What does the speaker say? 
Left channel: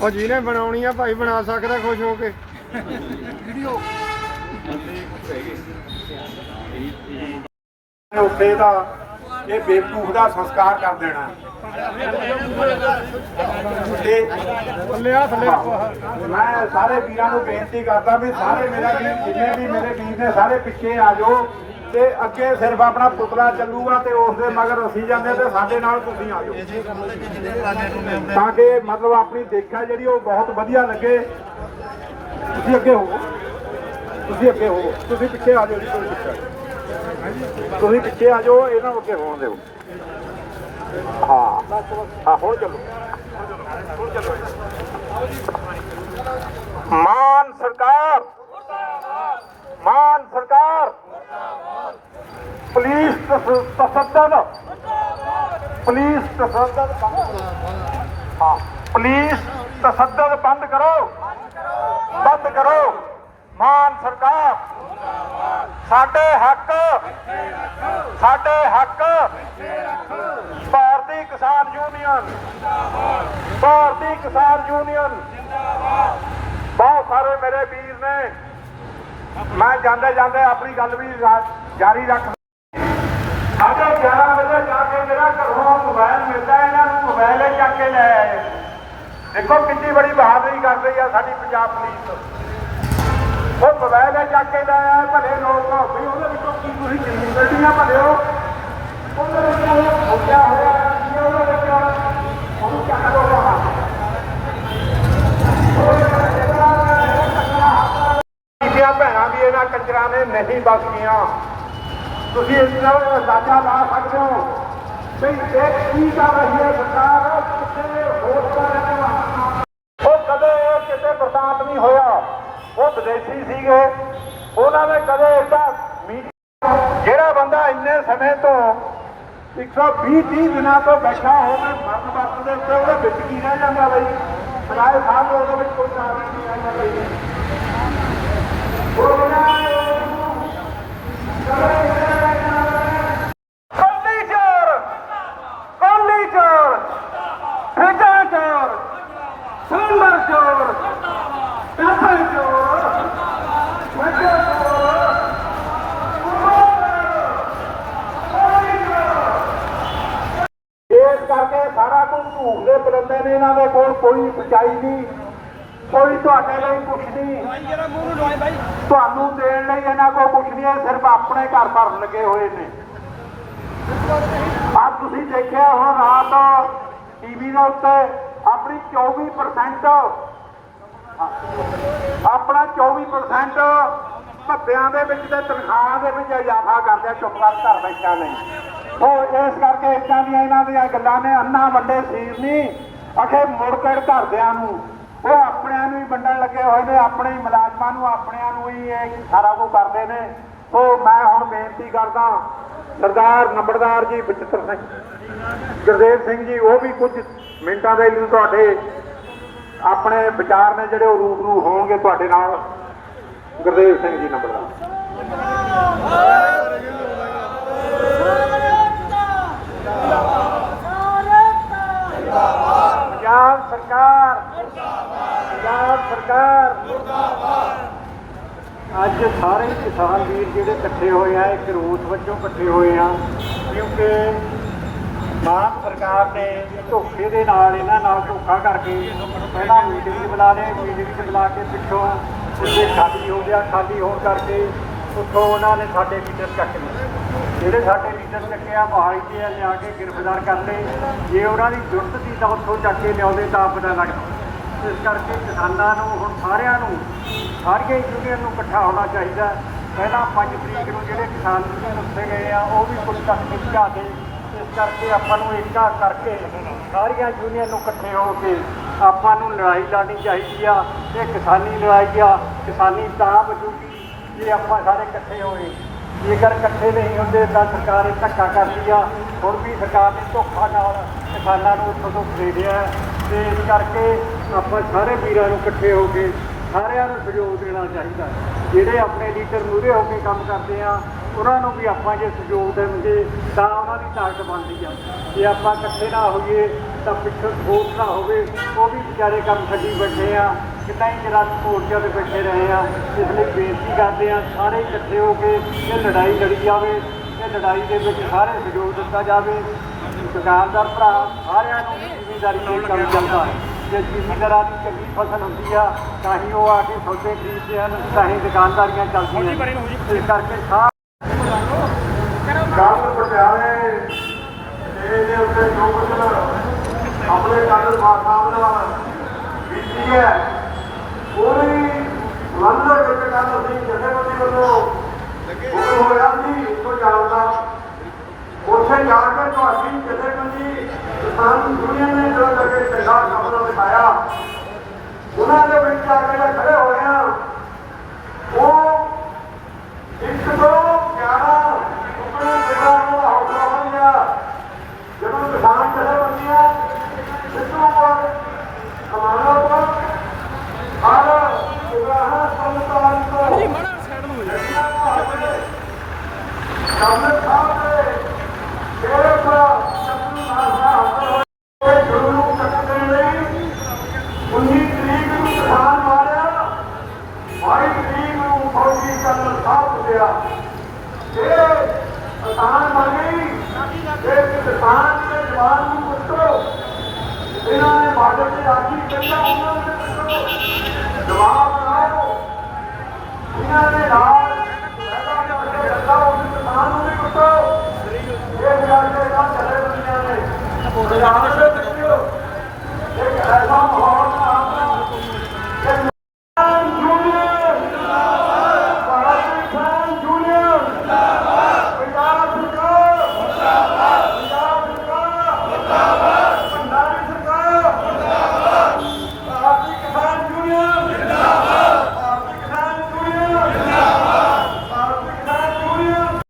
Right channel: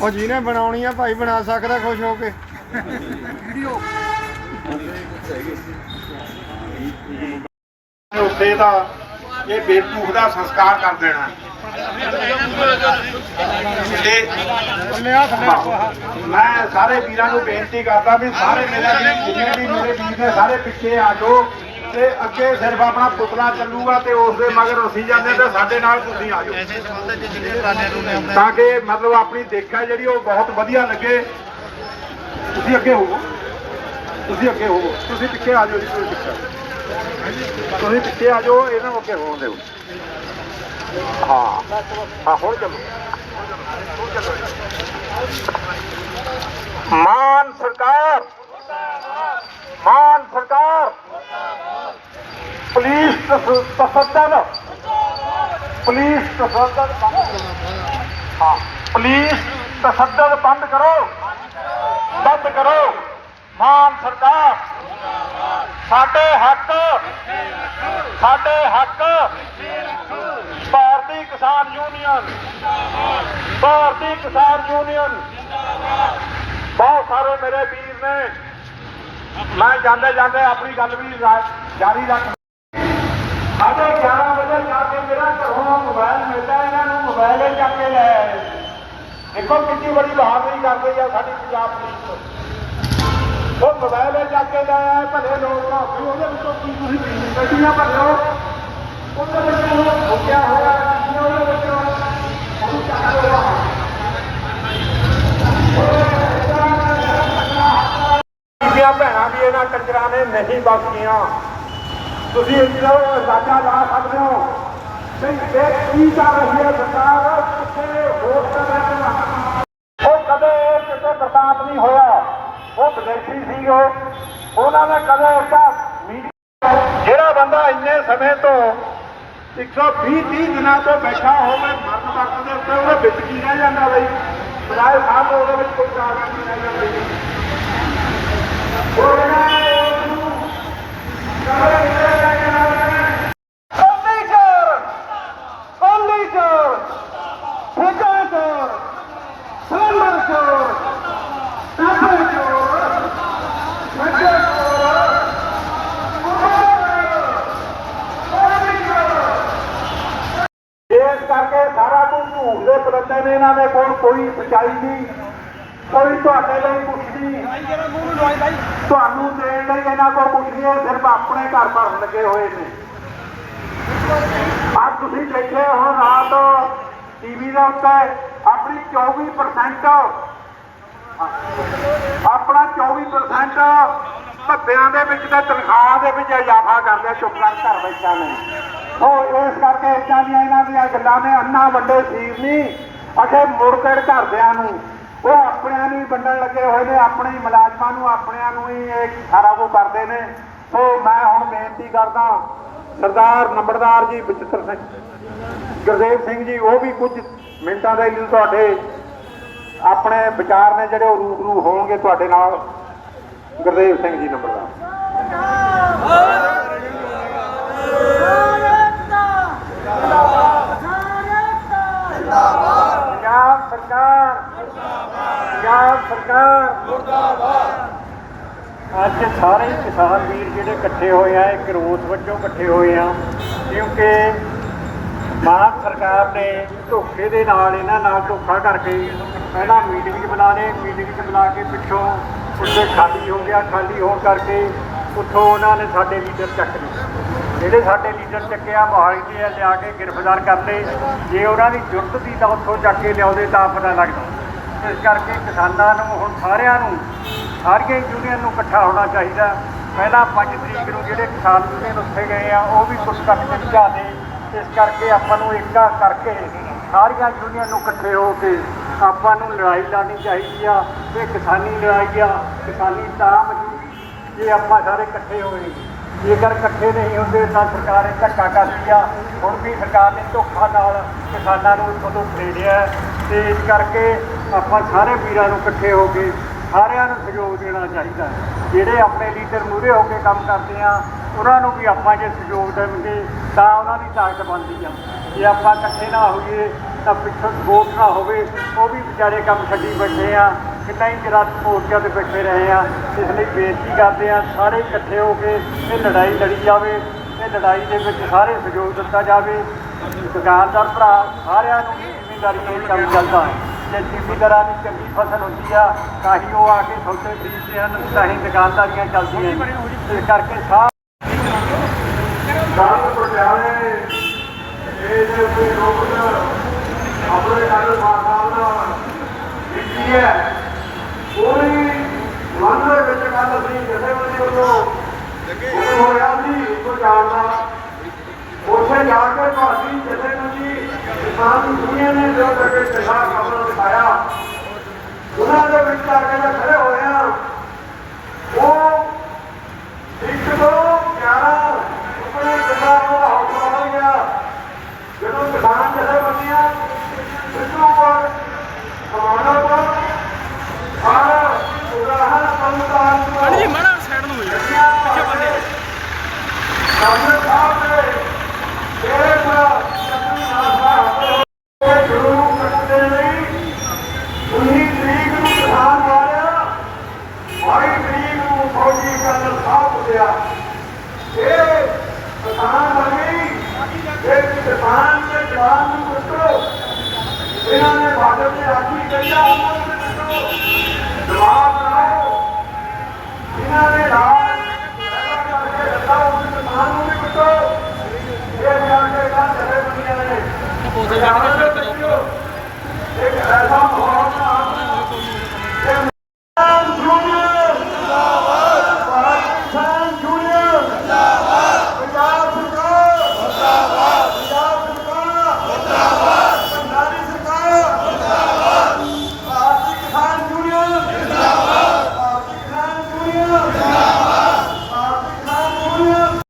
ਉਹ ਜਿਹਨੇ ਬਣਾਉਣੀ ਆ ਭਾਈ ਬਣਾ ਸਕਦਾ ਖੁਸ਼ ਹੋ ਕੇ। ਵੀਡੀਓ। ਉੱਤੇ ਦਾ ਇਹ ਬੇਵਕੂਫ ਦਾ ਸੰਸਕਾਰ ਕਰ ਦੇਣਾ। ਤੇ ਮੈਂ ਸਾਰੇ ਵੀਰਾਂ ਨੂੰ ਬੇਨਤੀ ਕਰਦਾ ਵੀ ਸਾਰੇ ਮੇਰੇ ਜਿੰਨੇ ਵੀ ਮੇਰੇ ਵੀਰ ਨੇ ਸਾਰੇ ਪਿੱਛੇ ਆ ਜਾਓ ਤੇ ਅੱਗੇ ਸਿਰਫ ਆਪਣਾ ਪੁਤਲਾ ਚੱਲੂਗਾ ਤੇ ਉਸ ਦੇ ਮਗਰ ਅਸੀਂ ਜਾਂਦੇ ਤੇ ਸਾਡੇ ਨਾਲ ਤੁਸੀਂ ਆ ਜਾਓ। ਤਾਂ ਕਿ ਮਤਲਬ ਆਪਣੀ ਦੇਖਾ ਜਿਹੜੀ ਉਹ ਬਹੁਤ ਵਧੀਆ ਲੱਗੇ। ਤੁਸੀਂ ਅੱਗੇ ਹੋਵੋ। ਤੁਸੀਂ ਅੱਗੇ ਹੋਵੋ। ਤੁਸੀਂ ਪਿੱਛੇ ਆ ਜਾਓ ਜੀ ਤੁਸੀਂ ਪਿੱਛੇ ਆ ਜਾਓ, ਇਹਨਾਂ ਨੂੰ ਅੱਗੇ ਹੋਣ ਦਿਓ। ਹਾਂ। ਹਾਂ, ਹੁਣ ਚੱਲੋ। ਮਾਨ ਸਰਕਾਰ। ਮਾਨ ਸਰਕਾਰ। ਪੁਲਿਸ ਤਸ- ਤਸੱਦਦ ਪੁਲਿਸ ਤਸੱਦਦ ਹਾਂ, ਪੁਲਿਸ ਤਸੱਦਦ ਬੰਦ ਕਰੋ। ਬੰਦ ਕਰੋ। ਮਾਨ ਸਰਕਾਰ। ਸਾਡੇ ਹੱਕ ਸਾਡੇ ਹੱਕ। ਭਾਰਤੀ ਕਿਸਾਨ ਯੂਨੀਅਨ, ਭਾਰਤੀ ਕਿਸਾਨ ਯੂਨੀਅਨ। ਬਹੁਤ ਸਾਰੇ ਮੇਰੇ ਵੀਰ ਨੇ। ਮੈਂ ਜਾਂਦੇ ਜਾਂਦੇ ਆਪਣੀ ਗੱਲ ਵੀ ਜਾਰੀ ਰੱਖ ਸਾਡੇ 11 ਵਜੇ ਜਾ ਕੇ ਮੇਰਾ ਘਰੋਂ ਮੋਬਾਈਲ ਮਿਲਦਾ, ਇਹਨਾਂ ਨੂੰ ਮੋਬਾਈਲ ਹੀ ਚੱਕ ਕੇ ਲੈ ਆਏ। ਦੇਖੋ ਕਿੰਨੀ ਬੜੀ ਬਹਾਦਰੀ ਕਰਦੀ ਆ ਸਾਡੀ ਪੰਜਾਬ ਪੁਲਿਸ। ਉਹ ਮੋਬਾਈਲ ਹੀ ਚੱਕ ਕੇ ਲੈ ਭਲੇ ਲੋਕ ਭਾਵੇਂ ਉਹਦੇ ਵਿੱਚੋਂ ਕੀ ਤੁਸੀਂ ਗੱਡੀਆਂ ਭਲਿਓ ਉਹਦੇ ਵਿੱਚ ਉਹ ਹੋਇਆ ਹੋਇਆ ਕੀ ਉਹਦੇ ਵਿੱਚ ਉਹਨੂੰ ਚੱਕ ਲਓ ਬਾਹਰ। ਬੀਬੀਆਂ ਭੈਣਾਂ ਵੀ ਇਹਨਾਂ ਕੰਜਰਾਂ ਨੇ ਨਹੀਂ ਬਖਸ਼ੀਆਂ। ਤੁਸੀਂ ਇਹਨਾਂ ਨੂੰ ਅੰਦਾਜ਼ਾ ਲਾ ਸਕਦੇ ਹੋ? ਕਿ ਇਹ ਕੀ ਕਰ ਰਹੀ ਹੈ ਸਰਕਾਰ ਕਿਤੇ ਹੋਰ ਤਰ੍ਹਾਂ ਉਹ ਕਦੇ ਕਿਤੇ ਬਰਦਾਸ਼ਤ ਨਹੀਂ ਹੋਇਆ ਉਹ ਸੀਗੇ ਉਹਨਾਂ ਨੇ ਕਦੇ ਏਦਾਂ ਜਿਹੜਾ ਬੰਦਾ ਇੰਨੇ ਸਮੇਂ ਤੋਂ 120 30 ਦਿਨਾਂ ਤੋਂ ਬੈਠਾ ਹੋਵੇ ਮਰਨ ਵਕਤ ਦੇ ਉੱਤੇ ਉਹਦੇ ਵਿੱਚ ਕੀ ਰਹਿ ਜਾਂਦਾ ਬਈ? ਸਰਾਏ ਸਾਹਿਬ ਉਹਦੇ ਵਿੱਚ ਕੋਈ ਕਾਗਜ਼ ਨਹੀਂ ਰਹਿੰਦਾ ਬਈ ਕੋਲੀ ਚੋਰ ਕੋਲੀ ਚੋਰ ਠੇਕਾ ਚੋਰ ਸੁੰਦਰ ਚੋਰ ਕਾਫਰ ਚੋਰ ਮੱਝਾ ਚੋਰ ਇਸ ਕਰਕੇ ਸਾਰਾ ਕੁਝ ਝੂਠ ਦੇ ਪਰੰਦੇ ਨੇ ਇਹਨਾਂ ਦੇ ਕੋਲ ਕੋਈ ਸਚਾਈ ਨਹੀਂ, ਕੋਈ ਤੁਹਾਡੇ ਲਈ ਕੁਛ ਨਹੀਂ। ਤੁਹਾਨੂੰ ਦੇਣ ਲਈ ਇਹਨਾਂ ਕੋਲ ਕੁਛ ਨਹੀਂ ਹੈ, ਸਿਰਫ ਆਪਣੇ ਘਰ ਭਰਨ ਲੱਗੇ ਹੋਏ ਨੇ। ਅੱਜ ਤੁਸੀਂ ਦੇਖਿਆ ਹੁਣ, ਰਾਤ ਟੀਵੀ ਦੇ ਉੱਤੇ ਆਪਣੀ 24% ਆਪਣਾ 24% ਭੱਬਿਆਂ ਦੇ ਵਿੱਚ ਤੇ ਤਨਖਾਹ ਦੇ ਵਿੱਚ ਇਜ਼ਾਫਾ ਕਰਦੇ ਚੁੱਪ ਕਰ ਘਰ ਬੈਠਾ ਨੇ। ਉਹ ਇਸ ਕਰਕੇ ਇਦਾਂ ਦੀਆਂ ਇਹਨਾਂ ਦੀਆਂ ਗੱਲਾਂ ਨੇ, ਅੰਨਾ ਵੱਡੇ ਸੀਰ ਨਹੀਂ। ਅਖੇ ਮੁੜ ਕੇ ਘਰਦਿਆਂ ਨੂੰ, ਉਹ ਆਪਣਿਆਂ ਨੂੰ ਹੀ ਵੰਡਣ ਲੱਗੇ ਹੋਏ ਨੇ, ਆਪਣੇ ਹੀ ਮੁਲਾਜ਼ਮਾਂ ਨੂੰ, ਆਪਣਿਆਂ ਨੂੰ ਹੀ ਇਹ ਸਾਰਾ ਕੁਝ ਕਰਦੇ ਨੇ। ਸੋ ਮੈਂ ਹੁਣ ਬੇਨਤੀ ਕਰਦਾ, ਸਰਦਾਰ ਨੰਬਰਦਾਰ ਜੀ ਬਚਿੱਤਰ ਸਿੰਘ, ਗੁਰਦੇਵ ਸਿੰਘ ਜੀ, ਉਹ ਵੀ ਕੁਝ ਮਿੰਟਾਂ ਦੇ ਲਈ ਤੁਹਾਡੇ ਆਪਣੇ ਵਿਚਾਰ ਨੇ ਜਿਹੜੇ ਉਹ ਰੂਬਰੂ ਹੋਣਗੇ ਤੁਹਾਡੇ ਨਾਲ। ਗੁਰਦੇਵ ਸਿੰਘ ਜੀ ਨੰਬਰਦਾਰ। ਪੰਜਾਬ ਸਰਕਾਰ। ਪੰਜਾਬ ਸਰਕਾਰ। ਅੱਜ ਸਾਰੇ ਕਿਸਾਨ ਵੀਰ ਜਿਹੜੇ ਇਕੱਠੇ ਹੋਏ ਆ, ਇੱਕ ਰੋਸ ਵਜੋਂ ਇਕੱਠੇ ਹੋਏ ਆ, ਕਿਉਂਕਿ ਮਾਨ ਸਰਕਾਰ ਨੇ ਧੋਖੇ ਦੇ ਨਾਲ ਇਹਨਾਂ ਨਾਲ ਧੋਖਾ ਕਰਕੇ ਪਹਿਲਾਂ ਮੀਟਿੰਗ ਬੁਲਾ ਲਏ ਮੀਟਿੰਗ ਬੁਲਾ ਕੇ ਪਿੱਛੋਂ ਉਹਦੇ ਖਾਲੀ ਹੋ ਗਿਆ, ਖਾਲੀ ਹੋਣ ਕਰਕੇ ਉੱਥੋਂ ਉਹਨਾਂ ਨੇ ਸਾਡੇ ਲੀਡਰ ਚੱਕ ਲਏ। ਜਿਹੜੇ ਸਾਡੇ ਲੀਡਰ ਚੱਕਿਆ ਮੋਹਾਲੀ ਤੇ ਲਿਆ ਕੇ ਗ੍ਰਿਫਤਾਰ ਕਰਦੇ ਜੇ ਉਹਨਾਂ ਦੀ ਜੁਰਤ ਦੀ ਤਾਂ ਉੱਥੋਂ ਚੱਕ ਕੇ ਲਿਆਉਂਦੇ ਤਾਂ ਪਤਾ ਲੱਗਦਾ ਇਸ ਕਰਕੇ ਕਿਸਾਨਾਂ ਨੂੰ, ਹੁਣ ਸਾਰਿਆਂ ਨੂੰ, ਸਾਰੀਆਂ ਯੂਨੀਅਨ ਨੂੰ ਇਕੱਠਾ ਹੋਣਾ ਚਾਹੀਦਾ। ਪਹਿਲਾਂ 5 ਤਰੀਕ ਨੂੰ ਜਿਹੜੇ ਕਿਸਾਨ ਯੂਨੀਅਨ ਉੱਥੇ ਗਏ ਆ, ਉਹ ਵੀ ਕੁਝ ਕੱਟ ਕੇ ਲਿਆਦੇ ਇਸ ਕਰਕੇ ਆਪਾਂ ਨੂੰ ਇੱਕਾ ਕਰਕੇ ਸਾਰੀਆਂ ਯੂਨੀਅਨ ਨੂੰ ਇਕੱਠੇ ਹੋ ਕੇ ਆਪਾਂ ਨੂੰ ਲੜਾਈ ਲੜਨੀ ਚਾਹੀਦੀ ਆ। ਇਹ ਕਿਸਾਨੀ ਲੜਾਈ ਆ, ਕਿਸਾਨੀ ਤਾਂ ਮੌਜੂਦ ਜੇ ਆਪਾਂ ਸਾਰੇ ਇਕੱਠੇ ਹੋਏ ਜੇਕਰ ਇਕੱਠੇ ਨਹੀਂ ਹੁੰਦੇ ਤਾਂ ਸਰਕਾਰ ਇਹ ਧੱਕਾ ਕਰਦੀ ਆ। ਹੁਣ ਵੀ ਸਰਕਾਰ ਨੇ ਧੋਖਾ ਨਾਲ ਕਿਸਾਨਾਂ ਨੂੰ ਤੁਹਾਨੂੰ ਖਰੀਦਿਆ ਹੈ ਤੇ ਇਸ ਕਰਕੇ ਆਪਾਂ ਸਾਰੇ ਵੀਰਾਂ ਨੂੰ ਇਕੱਠੇ ਹੋ ਕੇ ਸਾਰਿਆਂ ਨੂੰ ਸਹਿਯੋਗ ਦੇਣਾ ਚਾਹੀਦਾ ਚਾਹੀਦਾ ਜਿਹੜੇ ਆਪਣੇ ਲੀਡਰ ਮੂਹਰੇ ਹੋ ਕੇ ਕੰਮ ਕਰਦੇ ਆ, ਉਹਨਾਂ ਨੂੰ ਵੀ ਆਪਾਂ ਜੇ ਸਹਿਯੋਗ ਦੇਣਗੇ ਤਾਂ ਉਹਨਾਂ ਦੀ ਤਾਕਤ ਬਣਦੀ ਆ। ਜੇ ਆਪਾਂ ਇਕੱਠੇ ਨਾ ਹੋਈਏ ਤਾਂ ਪਿੱਛੋਂ ਸਪੋਰਟ ਨਾ ਹੋਵੇ, ਉਹ ਵੀ ਵਿਚਾਰੇ ਕੰਮ ਛੱਡੀ ਬੈਠੇ ਆ। ਕਿੰਨਾ ਹੀ ਚਿਰ ਮੋਰਚਿਆਂ ਤੇ ਬੈਠੇ ਰਹੇ ਆ, ਇਸ ਲਈ ਬੇਨਤੀ ਕਰਦੇ ਆ, ਸਾਰੇ ਇਕੱਠੇ ਹੋ ਕੇ ਇਹ ਲੜਾਈ ਲੜੀ ਜਾਵੇ ਇਹ ਲੜਾਈ ਦੇ ਵਿੱਚ ਸਾਰੇ ਸਹਿਯੋਗ ਦਿੱਤਾ ਜਾਵੇ। ਦੁਕਾਨਦਾਰ ਭਰਾ, ਸਾਰਿਆਂ ਦੀ ਜ਼ਿੰਮੇਵਾਰੀ ਇਹ ਕੰਮ ਚੱਲਦਾ ਜੇ ਜ਼ਿਮੀਂਦਾਰਾਂ ਦੀ ਚੰਗੀ ਫਸਲ ਹੁੰਦੀ ਆ, ਤਾਂ ਹੀ ਉਹ ਆ ਕੇ ਸੌਦੇ ਖਰੀਦਦੇ ਹਨ, ਤਾਂ ਹੀ ਦੁਕਾਨਦਾਰੀਆਂ ਚੱਲਦੀਆਂ ਇਸ ਕਰਕੇ ਸਾਰੇ ਗੱਲ ਪਟਿਆਲੇ ਇਹ ਦੇ ਉੱਤੇ ਲੋਕ ਆਪਣੇ ਕਾਦਰ ਸਾਹਿਬ ਨਾਲ ਕੀਤੀ ਹੈ। ਪੂਰੀ ਮਨ ਦੇ ਵਿੱਚ ਗੱਲ ਅਸੀਂ ਕਿਸੇ ਵੱਲੋਂ ਹੁਕਮ ਹੋਇਆ ਸੀ ਇੱਕੋ ਜਾਣਦਾ। ਉੱਥੇ ਜਾ ਕੇ ਤੁਹਾਡੀ ਜਥੇਬੰਦੀ ਕਿਸਾਨ ਦੁਨੀਆ ਨੇ ਜੋ ਕਰਕੇ ਚੰਗਾ ਖਬਰ ਦਿਖਾਇਆ। ਉਹਨਾਂ ਦੇ ਵਿੱਚ ਆ ਕੇ ਮੈਂ ਖੜੇ ਹੋਏ ਆ ਉਹ ਇੱਕ ਤੋਂ 11 ਆਪਣੇ ਪਿਤਾ ਨੂੰ ਹੌਸਲਾ ਮਿਲ ਗਿਆ। ਜਦੋਂ ਕਿਸਾਨ ਜਥੇਬੰਦੀਆਂ ਸਿੱਧੂ ਕੋਲ ਕਮਾਣਾ ਪਰ ਔਰ ਉਦਾਹਰ ਸੰਤਾਨ ਤੋਂ ਜੀ ਮਾੜਾ ਸਾਈਡ ਨੂੰ ਹੋ ਜਾ ਪਿੱਛੇ ਬੰਦੇ ਸਾਹਮਣੇ ਸਾਹਿਬ ਦੇ ਤੇਰੇ ਪਰ ਸਤਿ ਨਾਮ ਸਾਹਿਬ ਗੁਰੂ ਨੂੰ ਕੱਟਣ ਲਈ 19 ਤਰੀਕ ਨੂੰ ਕਿਸਾਨ ਮਾਰਿਆ 22 ਤਰੀਕ ਨੂੰ ਫੌਜੀ ਕਰਨਲ ਸਾਹਿਬ ਉੱਤਿਆ ਇਹ ਕਿਸਾਨ ਬਣ ਗਈ ਇਹ ਕਿਸਾਨ ਦੇ ਜਵਾਨ ਨੂੰ ਕੁੱਟੋ ਇਹਨਾਂ ਨੇ ਬਾਦਲ ਤੇ ਆਖੀ ਕਰਿਆ ਉਹਨਾਂ ਨੂੰ ਕੁੱਟੋ ਜਵਾਬ ਲਾਓ ਇਹਨਾਂ ਨੇ ਲਾਲ ਉਸ ਕਿਸਾਨ ਨੂੰ ਵੀ ਕੁੱਟੋ ਇਹ ਕਰਕੇ ਗੱਲ ਚੱਲੇ ਬੰਦੀਆਂ ਨੇ ਪੰਜਾਬ ਦੇ ਵਿੱਚੋਂ ਇੱਕ ਐਸਾ